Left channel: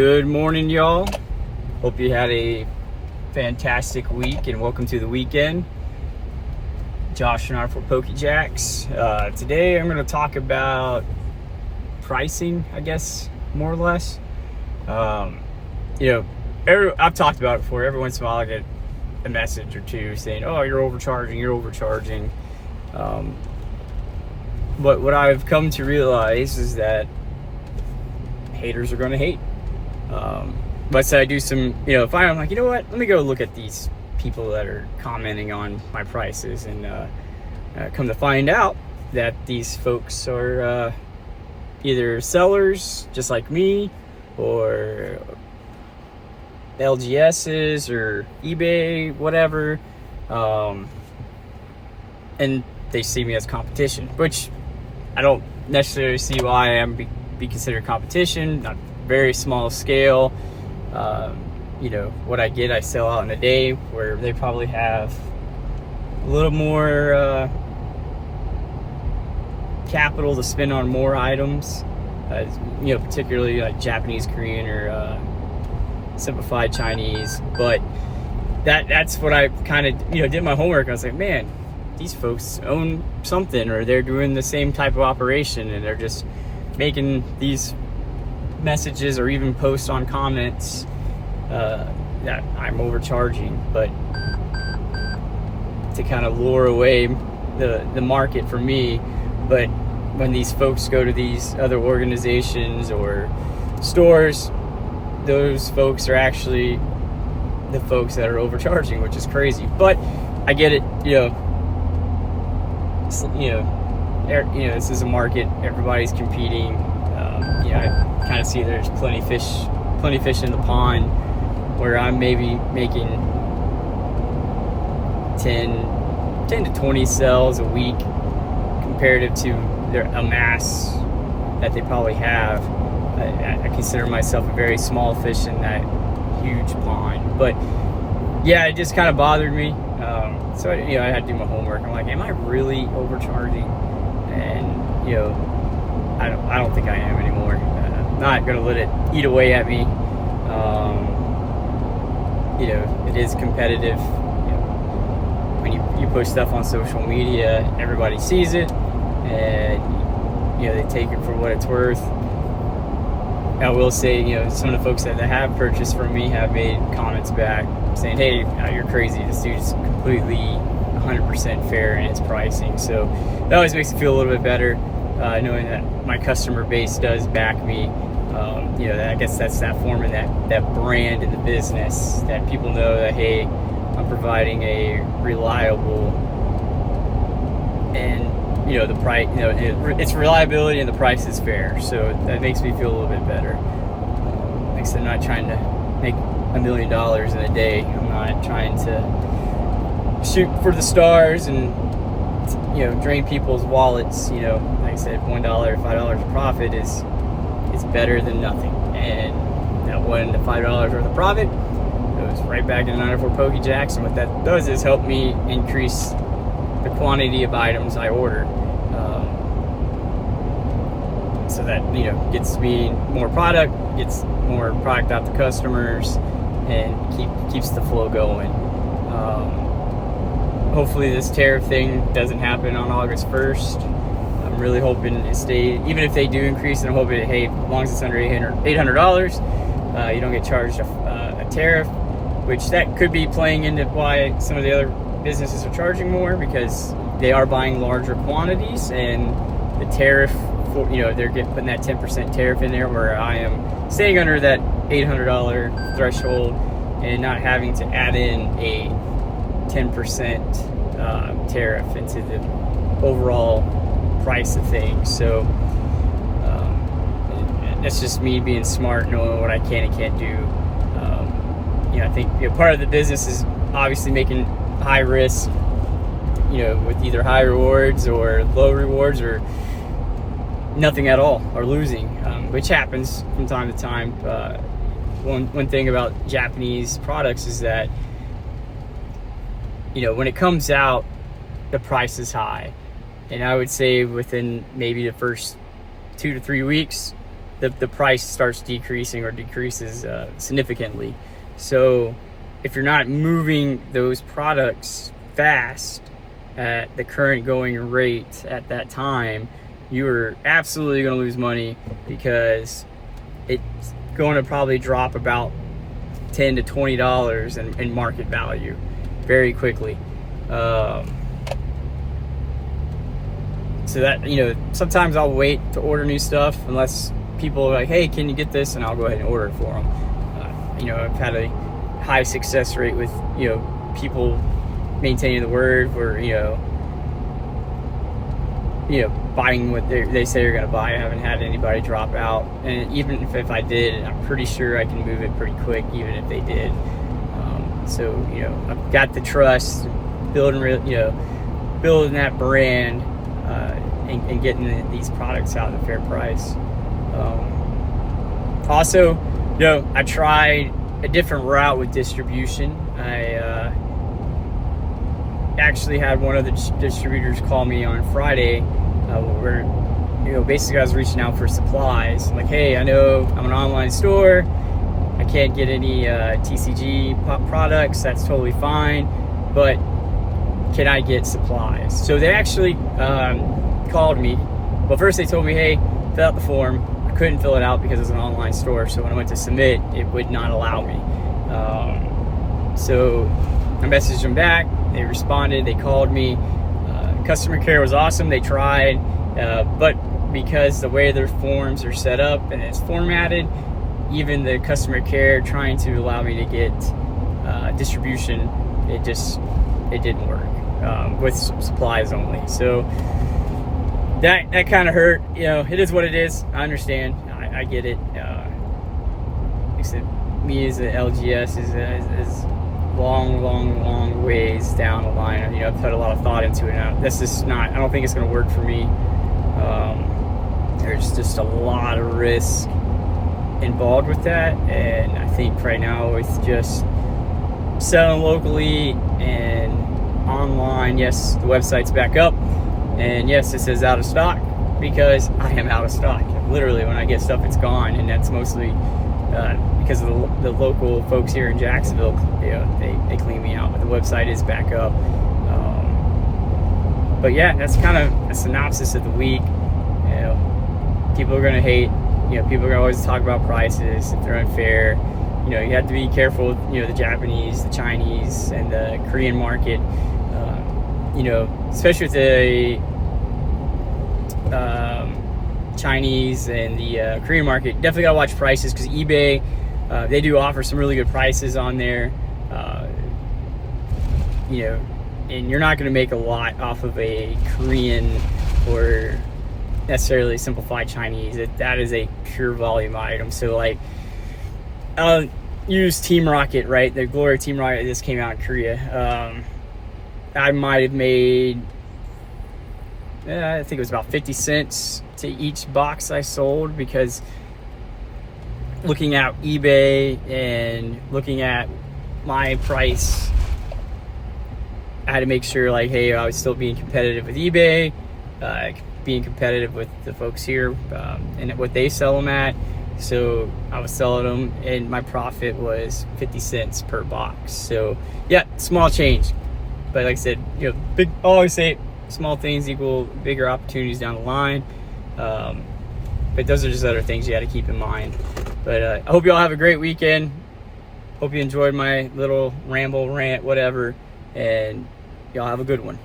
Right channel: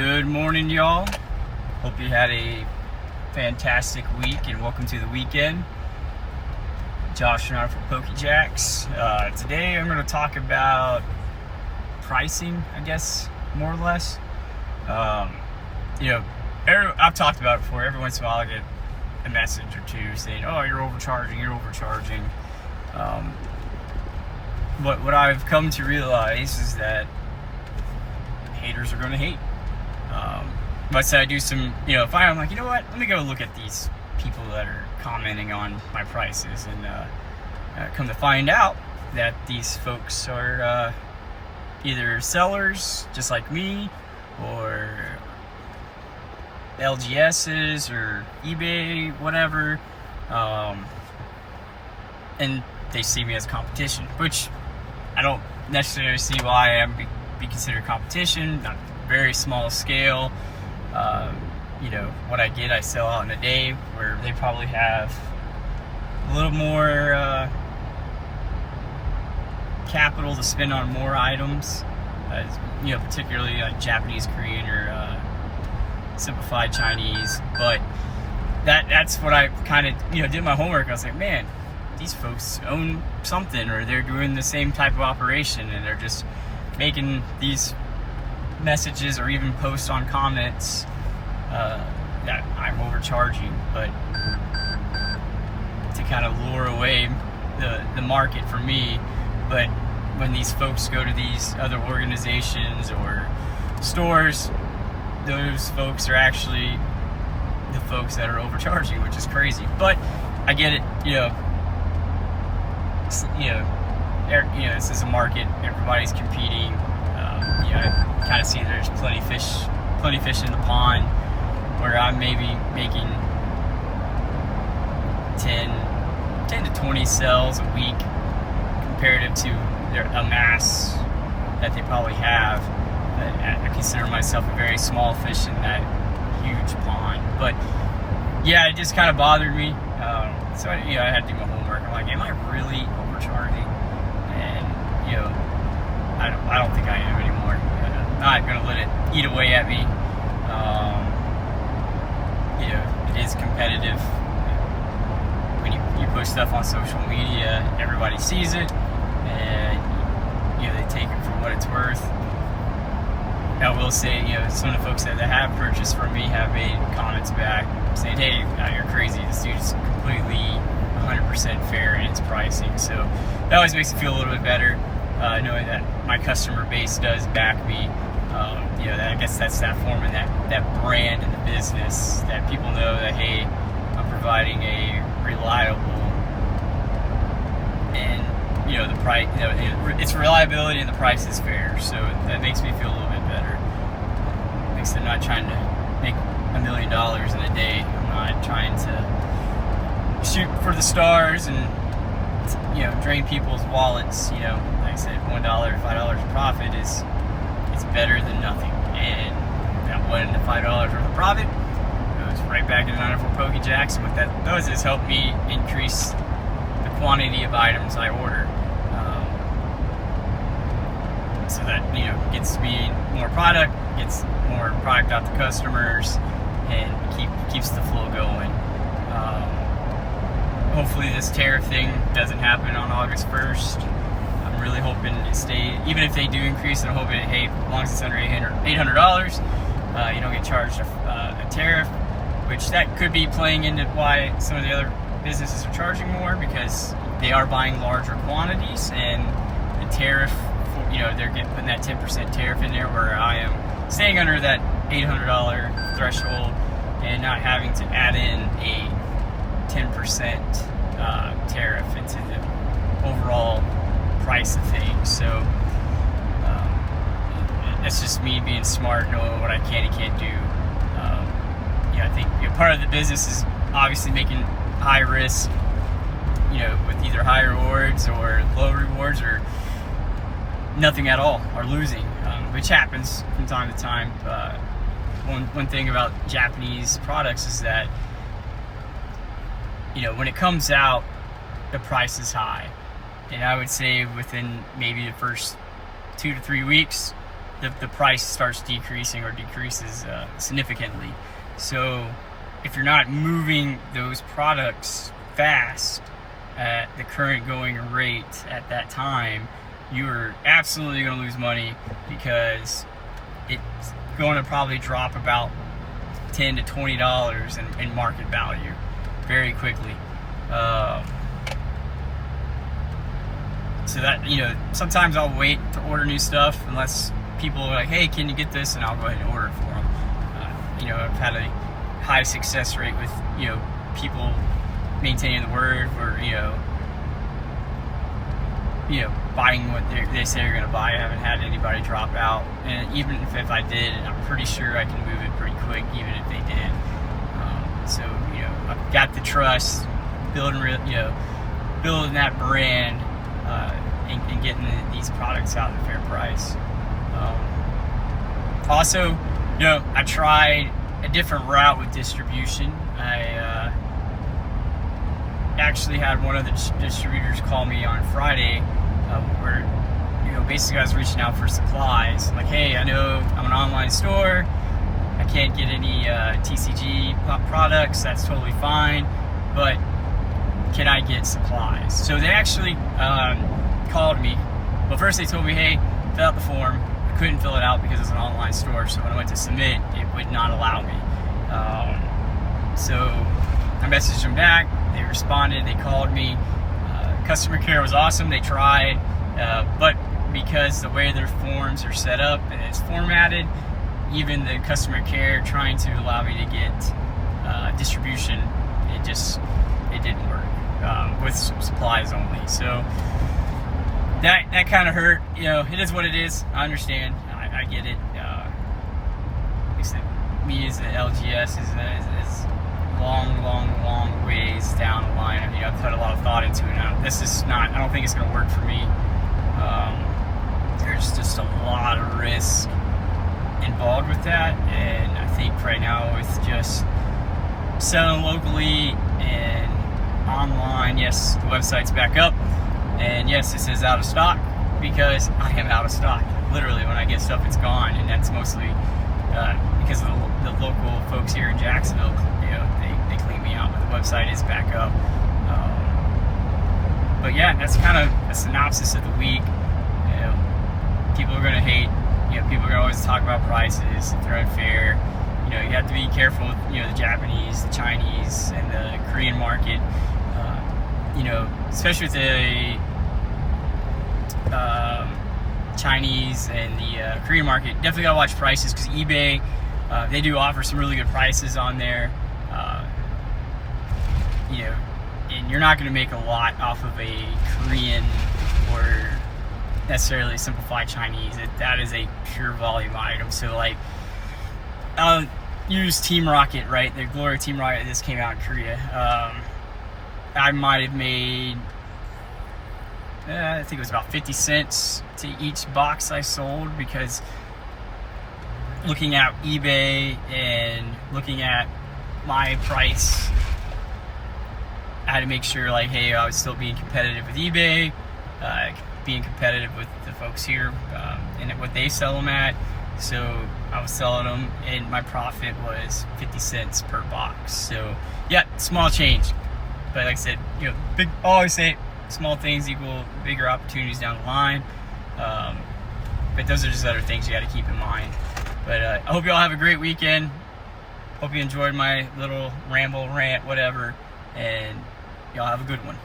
Good morning, y'all. Hope you had a fantastic week and welcome to the weekend. Josh and I for Pokejacks. Today I'm going to talk about pricing, I guess, more or less. I've talked about it before. Every once in a while I get a message or two saying, oh, you're overcharging. But what I've come to realize is that haters are going to hate. But so I do some, finally I'm like, you know what? Let me go look at these people that are commenting on my prices, and come to find out that these folks are either sellers just like me, or LGSs or eBay, whatever, and they see me as competition, which I don't necessarily see why I am be considered competition. Not very small scale. What I get, I sell out in a day, where they probably have a little more capital to spend on more items, particularly like Japanese, Korean, or simplified Chinese. But that's what I kind of did my homework. I was like, man, these folks own something, or they're doing the same type of operation, and they're just making these messages or even post on comments that I'm overcharging, but to kind of lure away the market for me. But when these folks go to these other organizations or stores, those folks are actually the folks that are overcharging, which is crazy. But I get it. This is a market. Everybody's competing. I kind of see there's plenty of fish in the pond, where I'm maybe making 10 to 20 sales a week comparative to a mass that they probably have. I consider myself a very small fish in that huge pond. But yeah, it just kind of bothered me. So I had to do my homework. I'm like, am I really overcharging? And I don't think I am anymore. I'm not gonna let it eat away at me. It is competitive. When you post stuff on social media, everybody sees it, and they take it for what it's worth. I will say, some of the folks that have purchased from me have made comments back saying, hey, you're crazy. This dude's completely 100% fair in his pricing. So that always makes me feel a little bit better, knowing that my customer base does back me. I guess that's that form of that brand in the business, that people know that, hey, I'm providing a reliable, and the price, it's reliability and the price is fair. So that makes me feel a little bit better. Because I'm not trying to make $1 million in a day. I'm not trying to shoot for the stars and drain people's wallets. Like I said, $1, $5 profit is better than nothing. And that $5 worth of profit goes right back into 94 Pokejacks, and what that does is help me increase the quantity of items I order, so that gets me more product, gets more product out to customers, and keeps the flow going. Hopefully this tariff thing doesn't happen on August 1st. I'm really hoping to stay, even if they do increase it, I'm hoping, hey, as long as it's under $800, you don't get charged a tariff, which that could be playing into why some of the other businesses are charging more, because they are buying larger quantities, and the tariff, they're putting that 10% tariff in there, where I am staying under that $800 threshold and not having to add in a 10% tariff into the overall price of things. So that's just me being smart, knowing what I can and can't do. I think part of the business is obviously making high risk, with either high rewards or low rewards, or nothing at all, or losing, which happens from time to time. One thing about Japanese products is that when it comes out, the price is high, and I would say within maybe the first 2 to 3 weeks, the price starts decreasing or decreases significantly. So if you're not moving those products fast at the current going rate at that time, you are absolutely going to lose money, because it's going to probably drop about $10 to $20 in market value very quickly. So that, sometimes I'll wait to order new stuff unless people are like, hey, can you get this? And I'll go ahead and order it for them. I've had a high success rate with, people maintaining the word, where, buying what they say they're going to buy. I haven't had anybody drop out. And even if I did, I'm pretty sure I can move it pretty quick, even if they did. So, I've got the trust, building that brand, and getting these products out at a fair price. Also, I tried a different route with distribution. I actually had one of the distributors call me on Friday, where basically I was reaching out for supplies. Like, hey, I know I'm an online store, I can't get any TCG products, that's totally fine, but can I get supplies? So they actually called me. Well, first they told me, hey, fill out the form. I couldn't fill it out because it was an online store, so when I went to submit, it would not allow me. So I messaged them back, they responded, they called me. Customer care was awesome, they tried, but because the way their forms are set up and it's formatted, even the customer care trying to allow me to get distribution, it didn't work, with supplies only. So that kind of hurt. It is what it is. I understand. I get it. Like I said, me as an LGS is long ways down the line. I've put a lot of thought into it. Now, this is not. I don't think it's going to work for me. There's just a lot of risk involved with that, and I think right now with just selling locally and online, yes, the website's back up, and yes, it says out of stock, because I am out of stock. Literally, when I get stuff, it's gone, and that's mostly because of the local folks here in Jacksonville. They clean me out, but the website is back up. But yeah, that's kind of a synopsis of the week. People are gonna hate. People are gonna always talk about prices if they're unfair. You have to be careful with, the Japanese, the Chinese, and the Korean market. Especially with the Chinese and the Korean market, definitely gotta watch prices, because eBay, they do offer some really good prices on there. And you're not gonna make a lot off of a Korean or necessarily simplified Chinese. That is a pure volume item. So like, I'll use Team Rocket, right? The Glory Team Rocket just came out in Korea. I might have made, I think it was about 50 cents to each box I sold, because looking at eBay and looking at my price, I had to make sure, like, hey, I was still being competitive with eBay, being competitive with the folks here, and what they sell them at. So I was selling them, and my profit was 50 cents per box. So yeah, small change, but like I said, I always say small things equal bigger opportunities down the line. But those are just other things you got to keep in mind. But I hope you all have a great weekend. Hope you enjoyed my little ramble, rant, whatever, and y'all have a good one.